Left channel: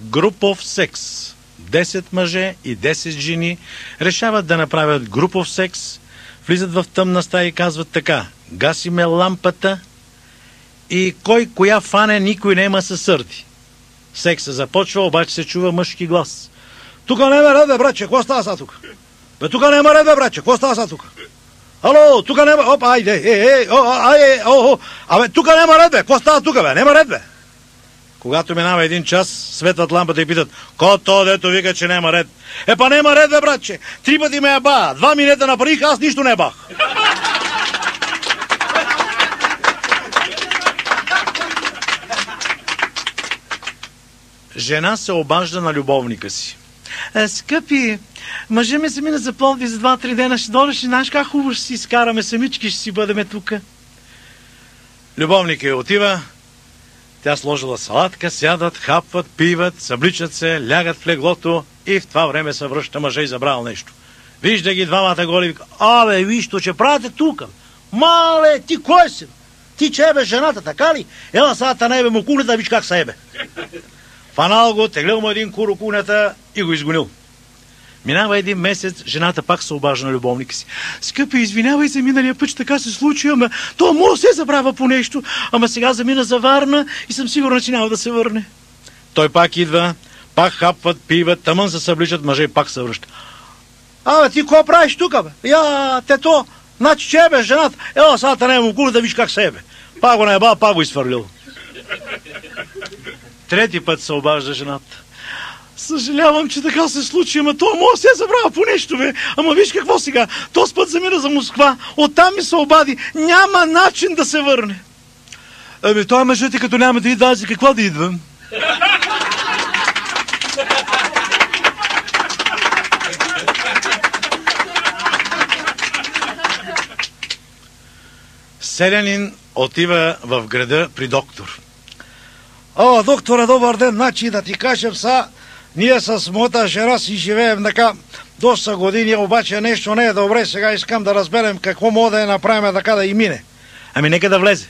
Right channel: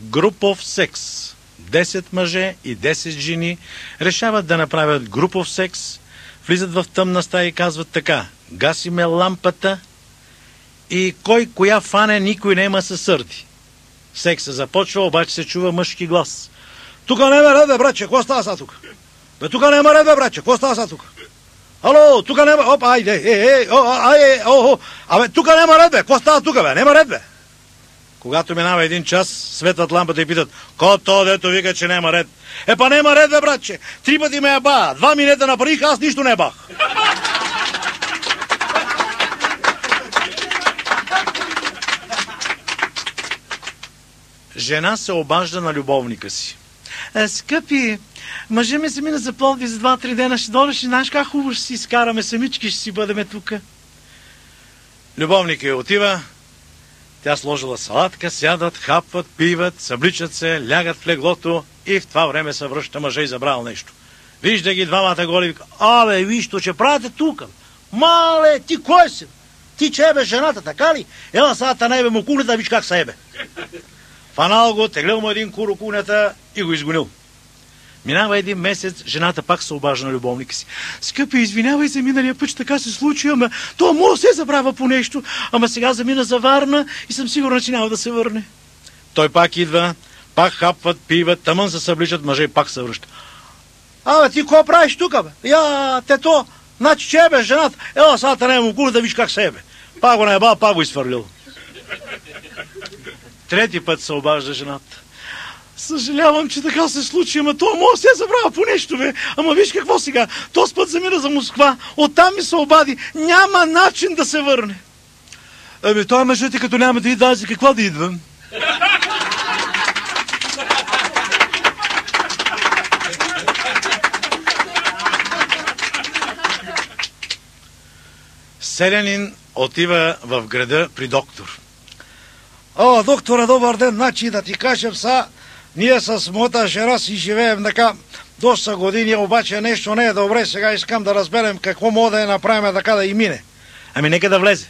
Групов секс. 10 мъже и 10 жени решават да направят групов секс, влизат в тъмна стая и казват така: гасиме лампата и кой коя фане, никой нема се сърди. Секса започва, обаче се чува мъжки глас. Тука нема ред, бе, братче, какво става сега тук? Бе, тука нема ред, бе, братче, какво става сега тук? Ало, тука нема, опа, айде, абе, тука нема ред, бе, какво става тука, бе, нема ред, бе. Когато минава един час, светват лампата и питат: ко то, дето вика, че нема ред? Па нема ред, бе, братче, 3 пъти ме еба, 2 минета направих, аз нищо не бах. Жена се обажда на любовника си. Скъпи, мъжа ми се мина за Пловдив за 2-3 дена, ще дойдеш и знаеш как хубаво ще си изкараме, самички ще си бъдеме тука. Любовникът отива, тя сложила салатка, сядат, хапват, пиват, събличат се, лягат в леглото и в това време се връща мъжа и забравил нещо. Вижда ги двамата голи и вика: абе, виж, то че правите тука? Мале, ти кой си? Ти че ебе жената, така ли? Ела сега не ебе му кунета, виж как са ебе. Фанал го, теглил му един кур кунета и го изгонил. Минава един месец, жената пак се обажда на любовника си. Скъпи, извинявай се, миналия път така се случи, ама то може се забравя по нещо, ама сега замина за Варна и съм сигурна, че няма да се върне. Той пак идва, пак хапват, пиват, тъмън се събличат, мъже и пак се връща. Абе, ти какво правиш тука, бе? Тето, значи че бе, жената, ела сега не му кур да виж как се бе. Пак го наебал, пак го изфърлил. Трети път се обажда жената. Съжалявам, че така се случи, ама то може се забравя по нещо, бе. Ама виж какво сега, този път замира за Москва, оттам ми се обади, няма начин да се върне. Ами той мъжът, като няма да идва, за какво да идва? Селянин отива в града при доктор. О, доктора, добър ден, значи да ти кажем са, ние с моята жена си живеем така доста години, обаче нещо не е добре, сега искам да разберем какво мога да направим така да и мине. Ами нека да влезе.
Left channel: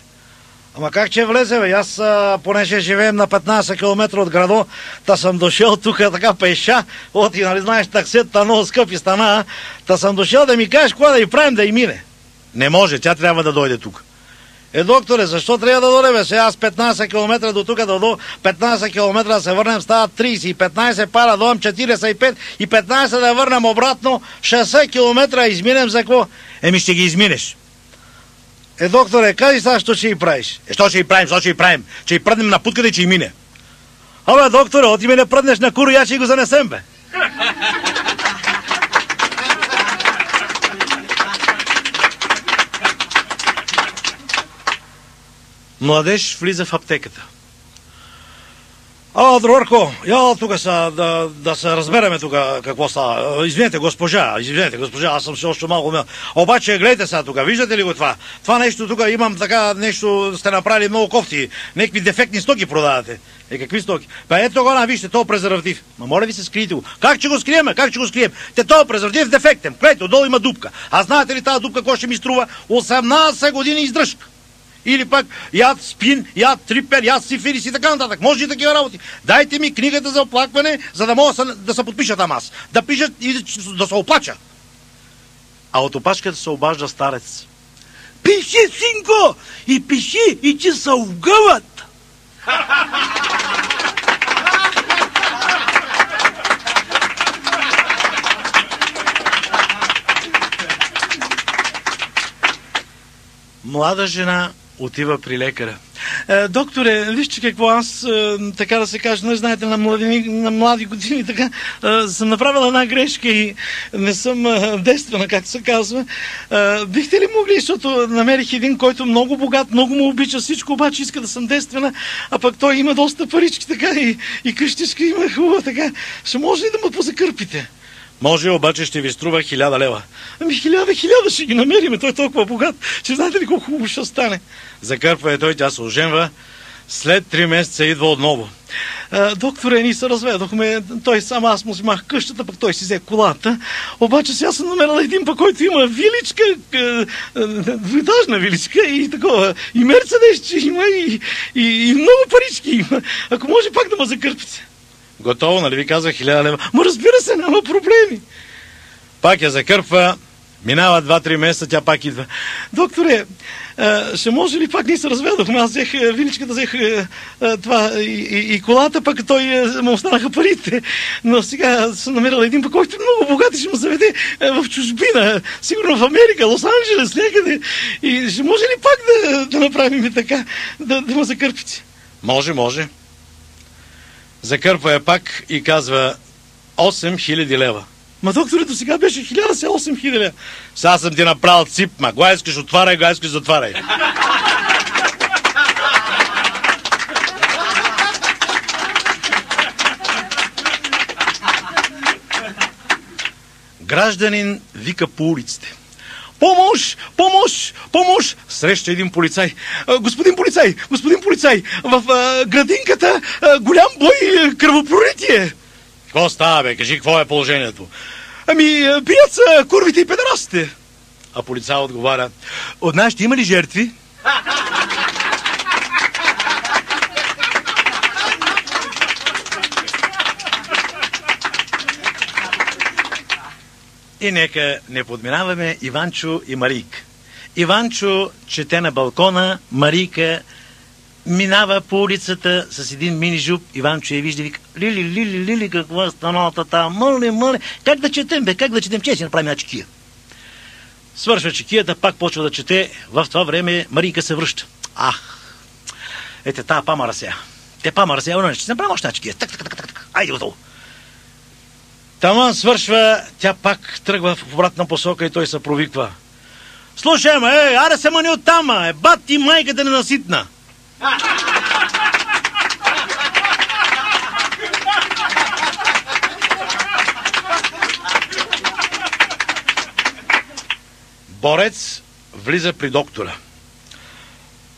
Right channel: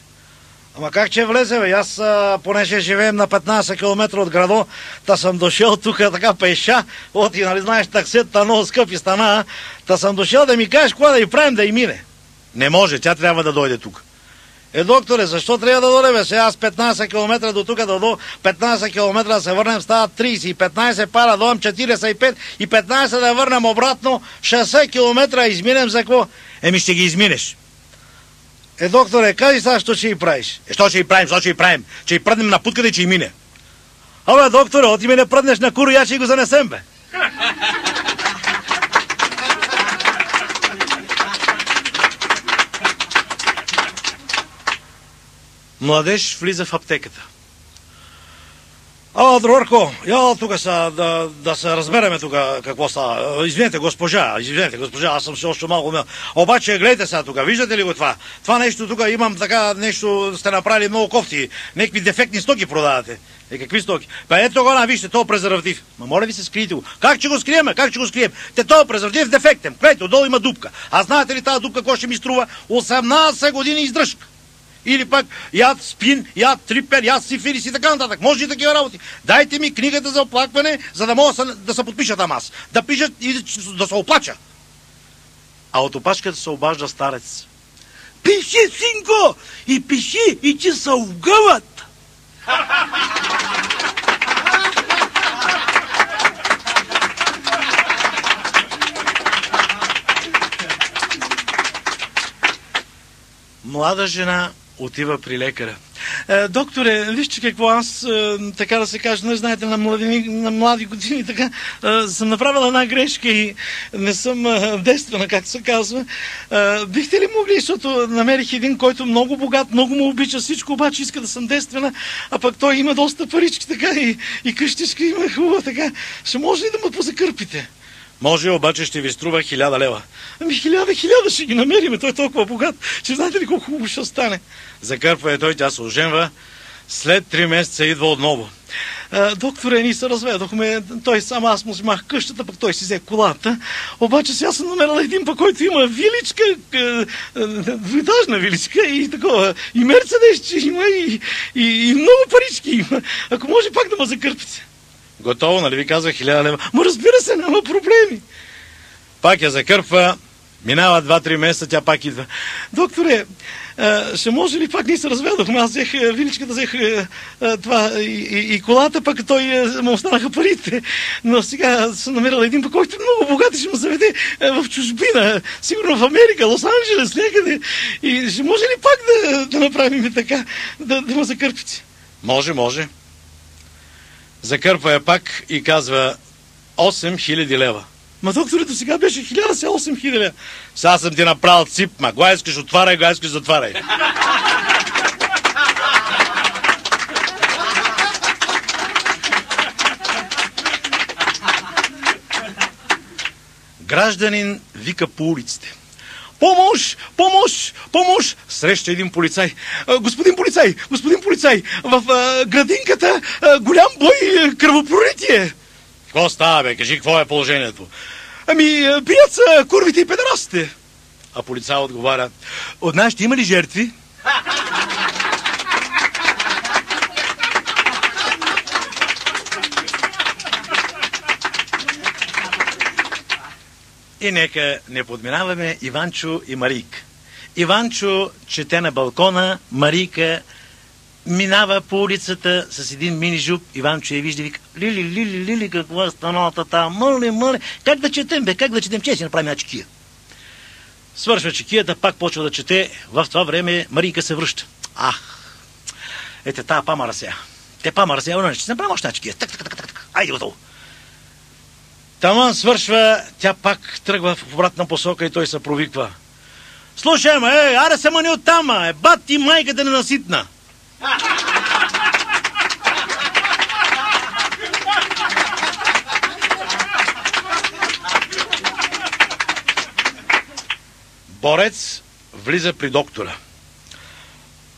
Ама как че влезе, бе? Аз, понеже живеем на 15 км от градо, та съм дошъл тук така пеша, оти, нали знаеш, таксетата много скъпи стана, та съм дошъл да ми кажеш какво да и правим да и мине. Не може, тя трябва да дойде тук. Докторе, защо трябва да дойде, бе? Сега аз 15 км до тук, до 15 км да се върнем, стават 30, и 15 пара, дойдем 45, и 15 да върнем обратно, 60 км изминем за какво? Ще ги изминеш. Докторе, кажи сега, що ще и правиш? Що ще и правим? Че и пръднем на путката и че и мине. Абе, докторе, от име не пръднеш на кур, я ще го занесем, бе. Младеж влиза в аптеката. Другарко, я тук да се разбереме тук какво става. Извинете, госпожа, аз съм се още малко умел. Обаче, гледайте сега тук, виждате ли го това? Това нещо тук имам така нещо, сте направили много кофти, някакви дефектни стоки продавате. Какви стоки? Ето го, вижте, този презерватив. Ма моля ви се, скрийте го. Как ще го скрием? Този презерватив дефектен. Гледайте, отдолу има дупка. А знаете ли тази дупка, какво ще ми струва? 18 години издръжка. Или пък яд спин, яд трипер, яд сифилис и така нататък. Може и такива работи. Дайте ми книгата за оплакване, за да мога да се подпиша там аз. Да пишат и да се оплача. А от опашката се обажда старец. Пиши, синко! И пиши, и че се угъват! Млада жена отива при лекаря. Докторе, вижте какво аз, така да се каже, не знаете, на млади години, така, съм направила една грешка и не съм девствена, както се казва. Бихте ли могли, защото намерих един, който много богат, много му обича всичко, обаче иска да съм девствена, а пък той има доста парички, така, и къщичка има хубава, така. Ще може ли да ме позакърпите? Може, обаче ще ви струва 1000 лева. Ами 1000 ще ги намерим, той е толкова богат, че знаете ли колко хубаво ще стане. Закърпва той, тя се оженва, след 3 месеца идва отново. Докторе, ние се разведохме, той сам, аз му вземах къщата, пък той си взе колата, обаче сега съм намерила един пък, който има виличка, двуетажна виличка и такова, и мерцедес, че има, и много парички има. Ако може пак да ме закърпите. Готово, нали ви казах 1000 лева? Ма разбира се, няма проблеми. Пак я закърпва, минава 2-3 месеца, тя пак идва. Докторе, ще може ли, пак ние се разведохме, аз взех виличката, взех това и колата, пък той му останаха парите. Но сега съм намерила един пък, който много богат, ще му заведе в чужбина, сигурно в Америка, Лос-Анджелес, някъде. И ще може ли пак да направим така, да му закърпите? Може. Закърпва я пак и казва 8000 лева. Ма докторе, до сега беше 1000, сега 8000 лева. Сега съм ти направил цип, ма го искаш отваряй, го искаш затваряй. Гражданин вика по улиците. Помощ! Среща един полицай. Господин полицай, в градинката голям бой, кръвопролитие. Какво става, бе? Кажи, какво е положението? Бият са курвите и педерастите. А полицай отговаря, от нашите има ли жертви? И нека не подминаваме Иванчо и Марийка. Иванчо чете на балкона, Марийка минава по улицата с един мини жуп. Иванчо я вижда, вика, Лили, какво е станалата там? Мъле, как да четем, че си направим една чекия. Свършва чекията, пак почва да чете. В това време Марийка се връща. Ето тая памара сега. Ще се направим още една чекия. Айде готово. Таман свършва, тя пак тръгва в обратна посока и той се провиква. Слушай, аре се мани оттам, бат ти майката ненаситна. Борец влиза при доктора.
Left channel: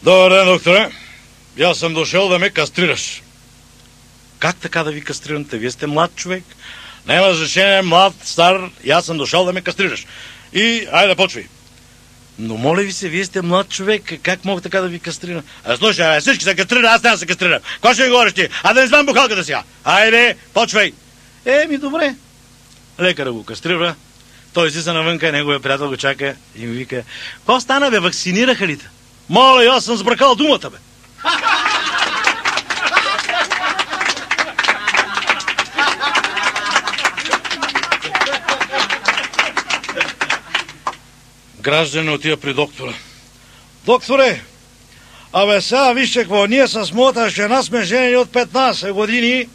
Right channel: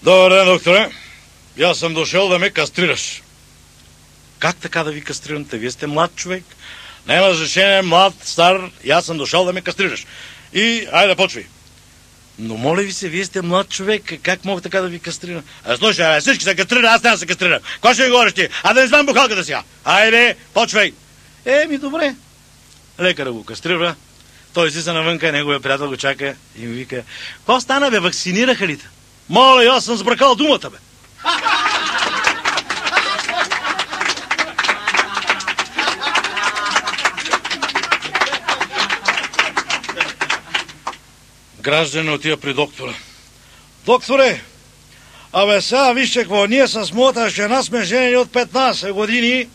Добър ден, докторе. Аз съм дошъл да ме кастрираш. Как така да ви кастрирам? Вие сте млад човек. Няма значение, млад, стар, и аз съм дошъл да ме кастрираш. И, айде, почвай. Но моля ви се, вие сте млад човек, как мога така да ви кастрирам? Слушай, всички се кастрират, аз няма да се кастрирам. Какво ще ми говориш ти? Да не знам бухалката сега. Айде, почвай. Добре. Лекарът го кастрира, той излиза навънка, неговия приятел го чака и ми вика, какво стана, бе, вакцинираха ли те? Моля, аз съм сбракал думата, бе. Гражданин отива при доктора. Докторе, сега вижте какво, ние с моята жена сме женени от 15 години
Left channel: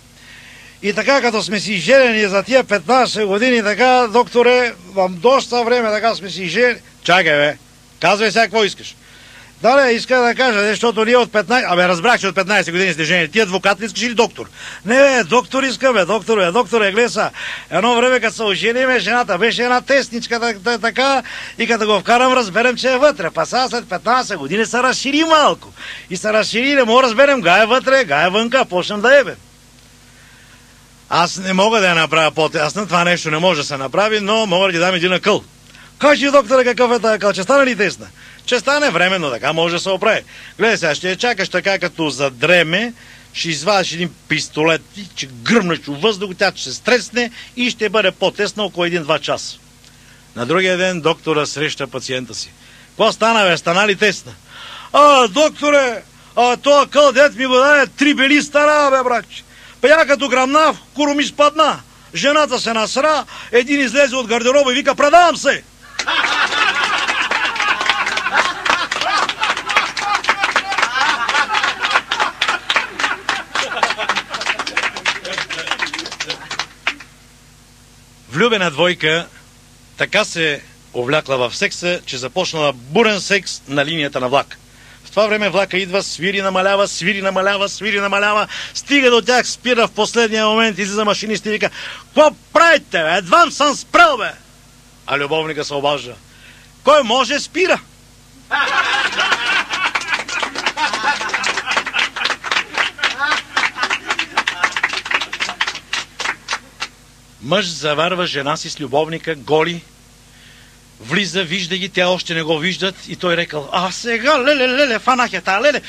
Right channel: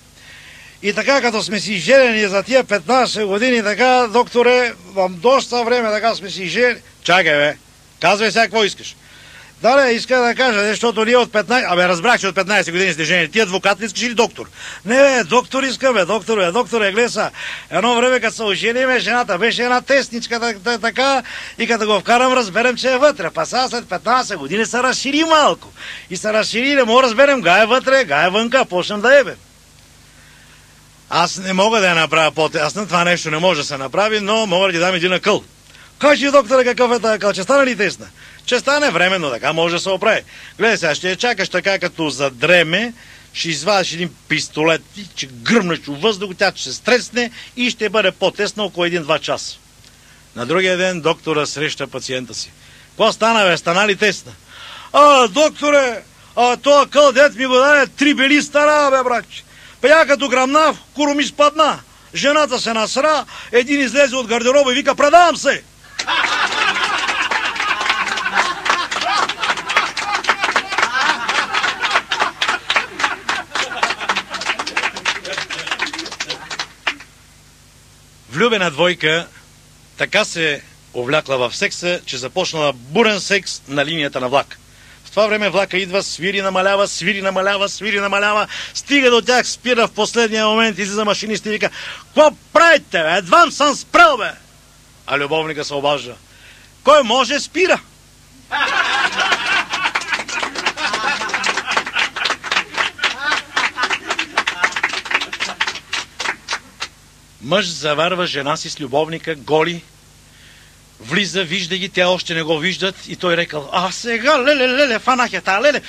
и така като сме си женени за тия 15 години, така, докторе, вам доста време така сме си женени. Чакай, бе, казвай сега какво искаш. Иска да кажа, защото ние от 15... разбрах, че от 15 години сте жени. Ти адвокат ли искаш или доктор? Не, доктор искаме, доктор глеса. Едно време, като се ожениме, жената беше една тесничка така и като го вкарам, разберем, че е вътре. Сега след 15 години се разшири малко. И се разшири, не мога разберем, га е вътре, га е вънка, почнем да ебем. Аз не мога да я направя по-тесно, това нещо не може да се направи, но мога да ги дам един акъл. Кажи, докторе, какъв е тази акъл, че стане ли тесна? Че стане временно, така може да се оправи. Гледай сега, ще я чакаш така, като задреме, ще извадиш един пистолет, че гръмнеш във въздух, тя ще се стресне и ще бъде по-тесна около 1-2 часа. На другия ден доктора среща пациента си. Какво стана, бе? Стана ли тесна? Докторе, тоя къл дет ми го даде 3 бели стара, бе, бракче. Я като грамна, куро ми спадна. Жената се насра, един излезе от гардероба и вика, предавам се! Влюбена двойка така се увлякла в секса, че започнала бурен секс на линията на влак. В това време влака идва, свири, намалява, стига до тях, спира в последния момент, излиза машинист и вика, какво правите, бе? Едва съм спрел, бе! А любовника се обажда. Кой може, спира! Мъж заварва жена си с любовника, голи, Влиза, вижда ги, те още не го виждат и той рекал: а сега, леле, фанах я тая, леле,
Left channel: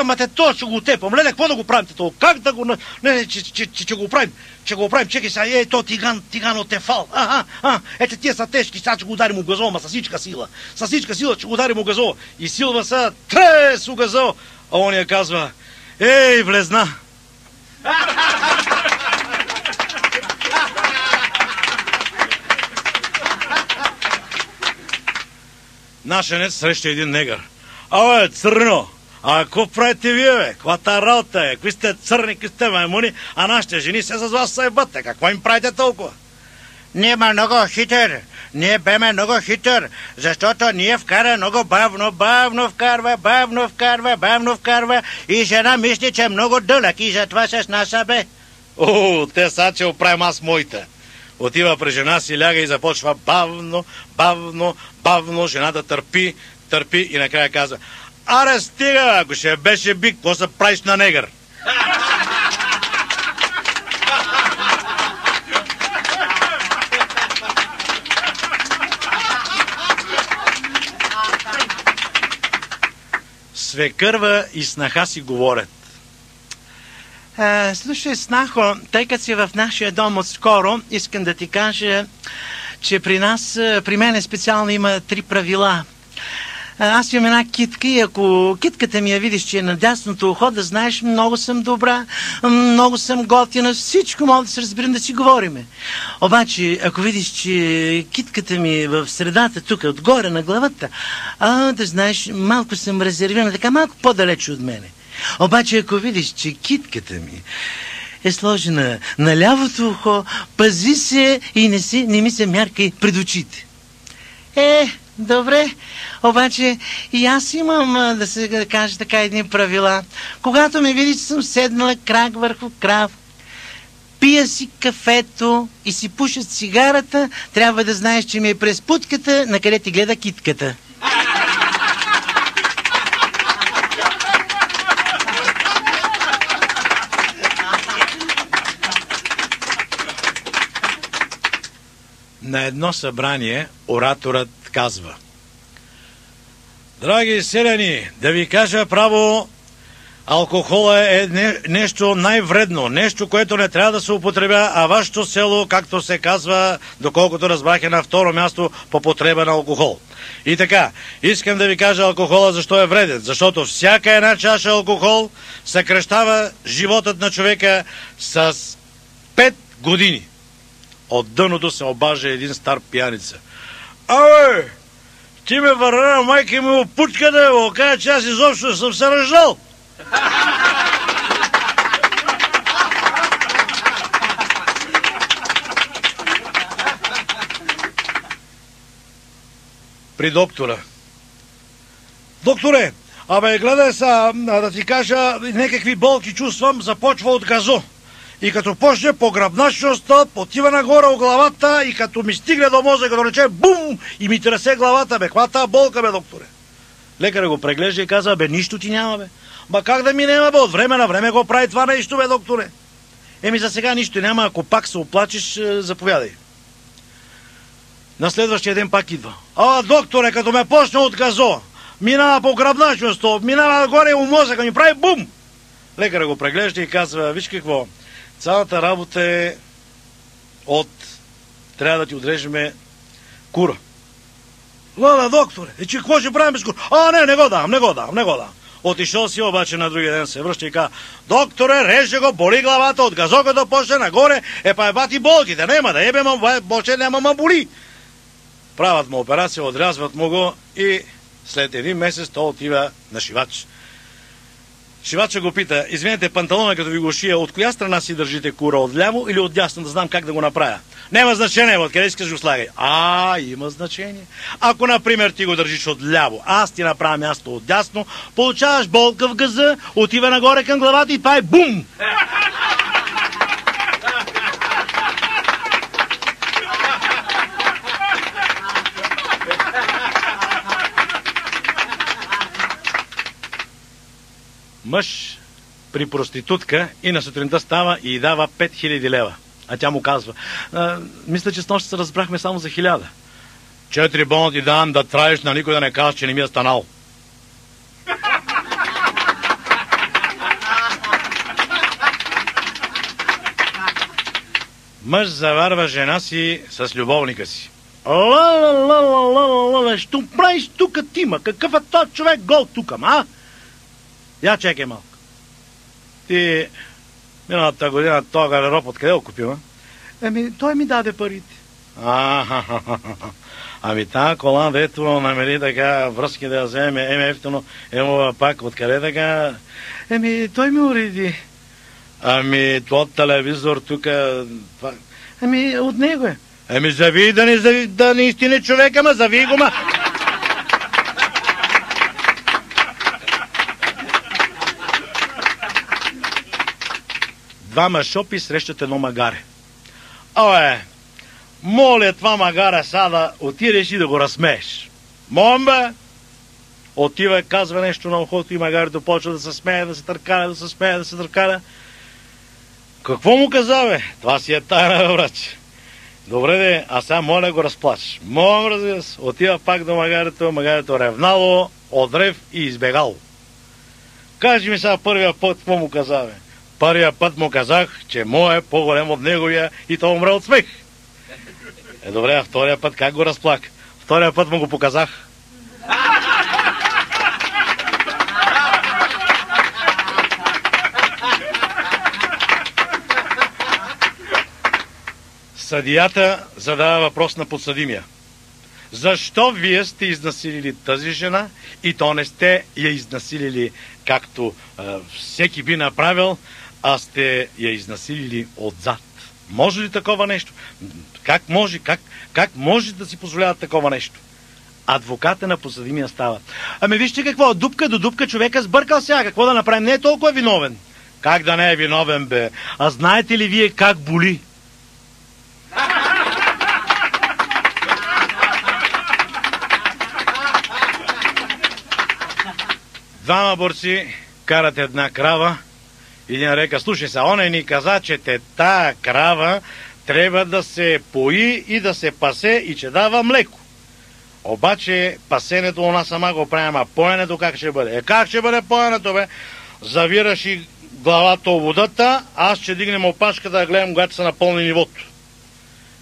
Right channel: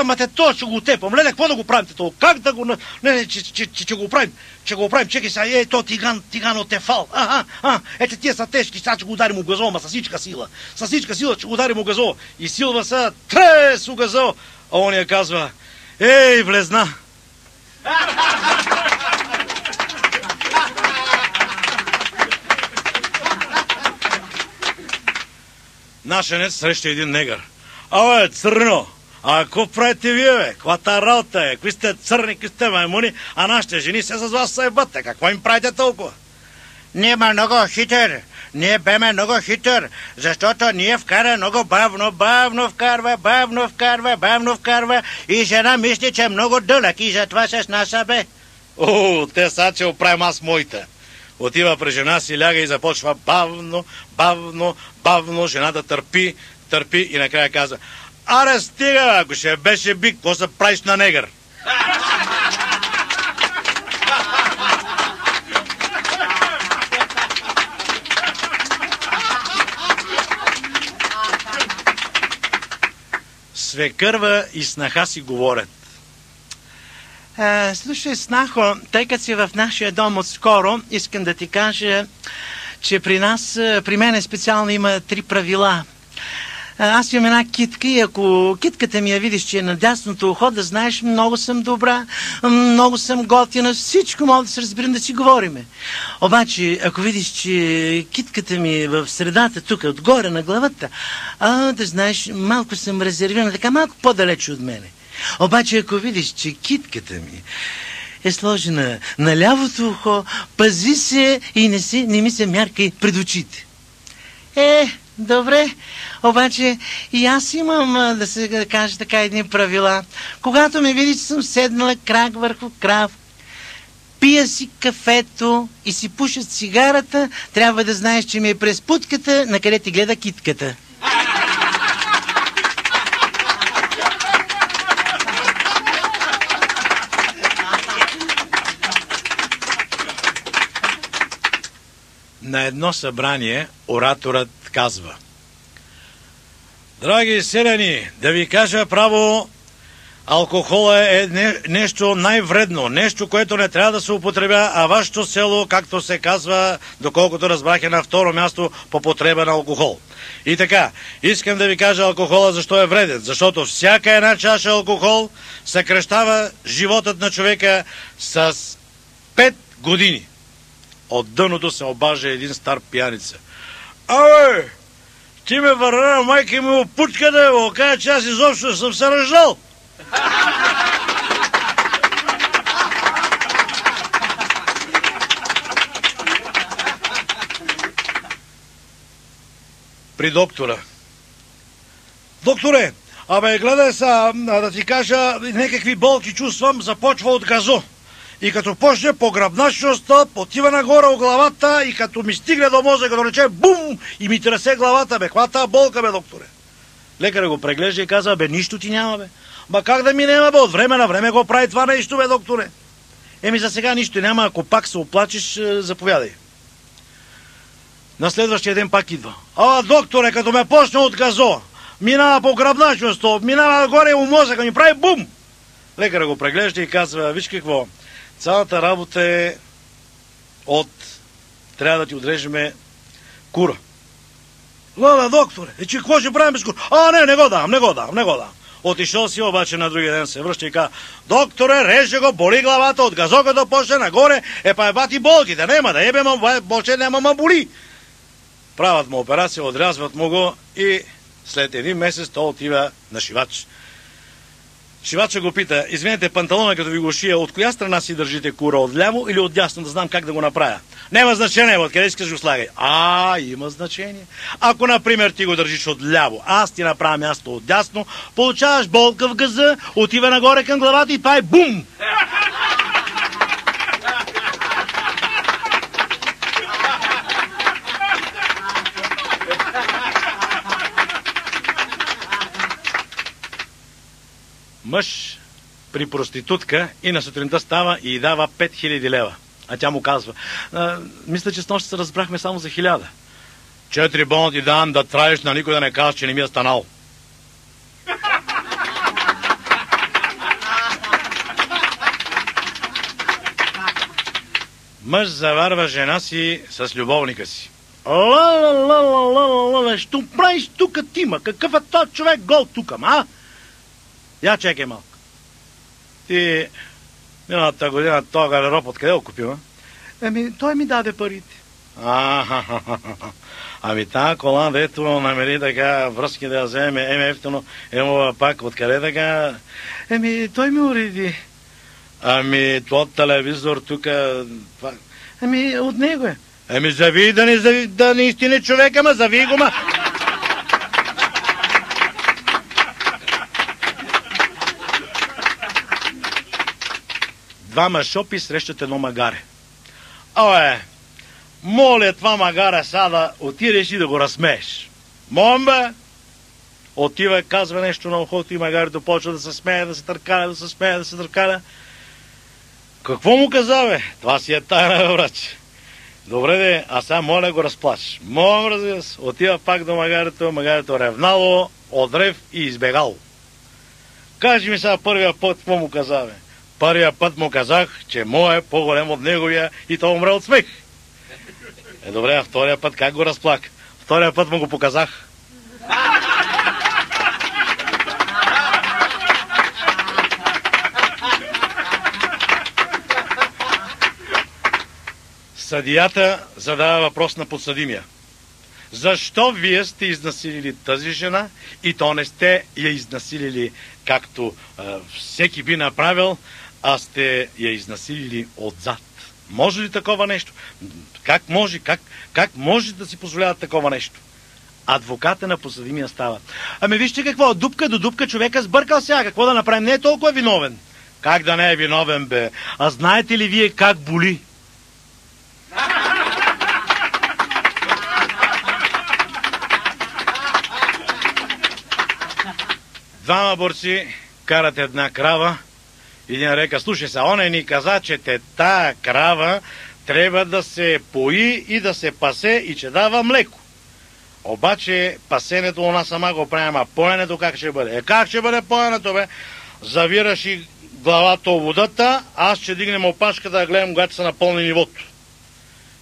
ама те то ще го тепам, леле, какво да го правим то? Как да го... Не, че го правим. Ще го правим, чекай сега, то тиган от Тефал. Ето тия са тежки, сега ще го ударим у газо, ма със всичка сила. Със всичка сила ще го ударим у газо. И силва са, трес у газо. А он я казва: ей, влезна. Нашенец среща един негър. Абе, църно, а какво правите вие, бе? Каква тая работа е? Какви сте църни, какви сте маймуни, а нашите жени се с вас съебате. Какво им правите толкова? Ние ме много хитър. Ние беме много хитър, защото ние вкара много бавно вкарва и жена мисли, че е много дълъг и затова се снася, бе. О, те са, че оправим аз моите. Отива при жена си, ляга и започва бавно, жената търпи и накрая казва: аре, стига, ако ще беше бик, какво се правиш на негър? Свекърва и снаха си говорят: слушай, снахо, тъй като си в нашия дом отскоро, искам да ти кажа, че при мен специално има 3 правила. Аз имам една китка и ако китката ми я видиш, че е на дясното ухо, да знаеш, много съм добра, много съм готина, всичко мога да се разберем, да си говориме. Обаче, ако видиш, че китката ми е в средата, тук, отгоре на главата, да знаеш, малко съм резервирана, така малко по-далече от мене. Обаче, ако видиш, че китката ми е сложена на лявото ухо, пази се и не ми се мяркай пред очите. Добре, обаче и аз имам, да се каже така, едни правила. Когато ме видиш, съм седнала крак върху крак, пия си кафето и си пуша цигарата, трябва да знаеш, че ми е през путката, на къде ти гледа китката. На едно събрание ораторът казва: драги селяни, да ви кажа право, алкохола е нещо най-вредно, нещо, което не трябва да се употребя, а вашето село, както се казва, доколкото разбрах, е на второ място по потреба на алкохол. И така, искам да ви кажа алкохола защо е вреден, защото всяка една чаша алкохол съкращава животът на човека с 5 години. От дъното се обажа един стар пияница: абе, ти ме върна, майка ми опутка да го кажа, че аз изобщо съм се ръждал. При доктора: докторе, абе, гледай са, да ти кажа, някакви болки чувствам, започва от газо. И като почне по гръбначността, потива нагоре у главата и като ми стигне до мозъка, като рече бум, и ми тресе главата, бе, каква тая болка, бе, докторе? Лекарът го преглежда и каза: бе, нищо ти няма, бе. Ба как да ми няма, бе, от време на време го прави това нещо, бе, докторе. За сега нищо няма, ако пак се оплачеш, заповядай. На следващия ден пак идва: докторе, като ме почне от газо, минава по гръбначността, минава нагоре у мозъка, ми прави бум. Лекарът го преглежда и казва: виж какво, цялата работа е трябва да ти отрежеме кура. Леле, докторе, че какво ще правим без кура? Не го давам. Отишъл си, обаче на другия ден се връща и казва: докторе, реже го, боли главата, от газоката почне нагоре, бати болките, няма да ебе, почне няма ма боли. Правят му операция, отрязват му го и след 1 месец той отива на шивач. Шивача го пита: извинете, панталона като ви го шия, от коя страна си държите кура, от ляво или от дясно, да знам как да го направя? Няма значение, откъде искаш го слагай. Има значение. Ако, например, ти го държиш от ляво, аз ти направя място от дясно, получаваш болка в газа, отива нагоре към главата и това е бум! Мъж при проститутка и на сутринта става и дава 5000 лева. А тя му казва: мисля, че снощи се разбрахме само за 1000. 4 бона ти давам да траеш, на никой да не кажеш, че не ми е станал. Мъж заварва жена си с любовника си. Ла, що правиш тука тима? Какъв е този човек гол тука, ма? Я чекай малко. Ти миналата година този гардероб откъде го купил, а? Той ми даде парите. Ами тази кола, дето намери така връзки да я вземе, ефтино, емова пак, откъде така? Той ми уреди. Този телевизор тука... от него е. Зави да не истини човека, ма зави го, ма. Двама шопи срещат едно магаре. Моля това магара сега да отидеш и да го разсмееш. Момба! Отива, казва нещо на ухото и магарето почва да се смее, да се търкаля, да се смее, да се търкаля. Какво му каза, бе? Това си е тайна, брачи. Добре, бе, а сега моля го разплачеш. Моля, разбира се. Отива пак до магарето ревнало, отрев и избегало. Кажи ми сега първия път, какво му каза, бе? Първия път му казах, че моя е по-голем от неговия и той умре от смех. Добре, а втория път как го разплак? Втория път му го показах. Съдията задава въпрос на подсъдимия. Защо вие сте изнасилили тази жена и то не сте я изнасилили както всеки би направил, а сте я изнасилили отзад? Може ли такова нещо? Как може да си позволяват такова нещо? Адвоката на подсъдимия става. Вижте какво, дупка до дупка човека сбъркал сега. Какво да направим? Не е толкова виновен. Как да не е виновен, бе? А знаете ли вие как боли? Двама борци карат една крава. Един река, слушай се, оня ни каза, че тая крава трябва да се пои и да се пасе и че дава млеко. Обаче пасенето у нас сама го правим, а поенето как ще бъде? Как ще бъде поенето, бе? Завираш и главата в водата, аз ще дигнем опашката да гледам, когато се напълни нивото.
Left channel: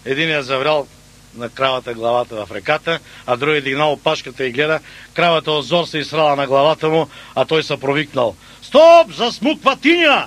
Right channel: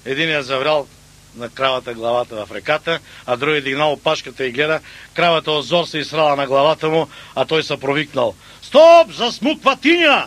Един е заврял на кравата главата в реката, а другия дигнал опашката и гледа, кравата от зор се изсрала на главата му, а той се провикнал. Стоп, засмуква тиня!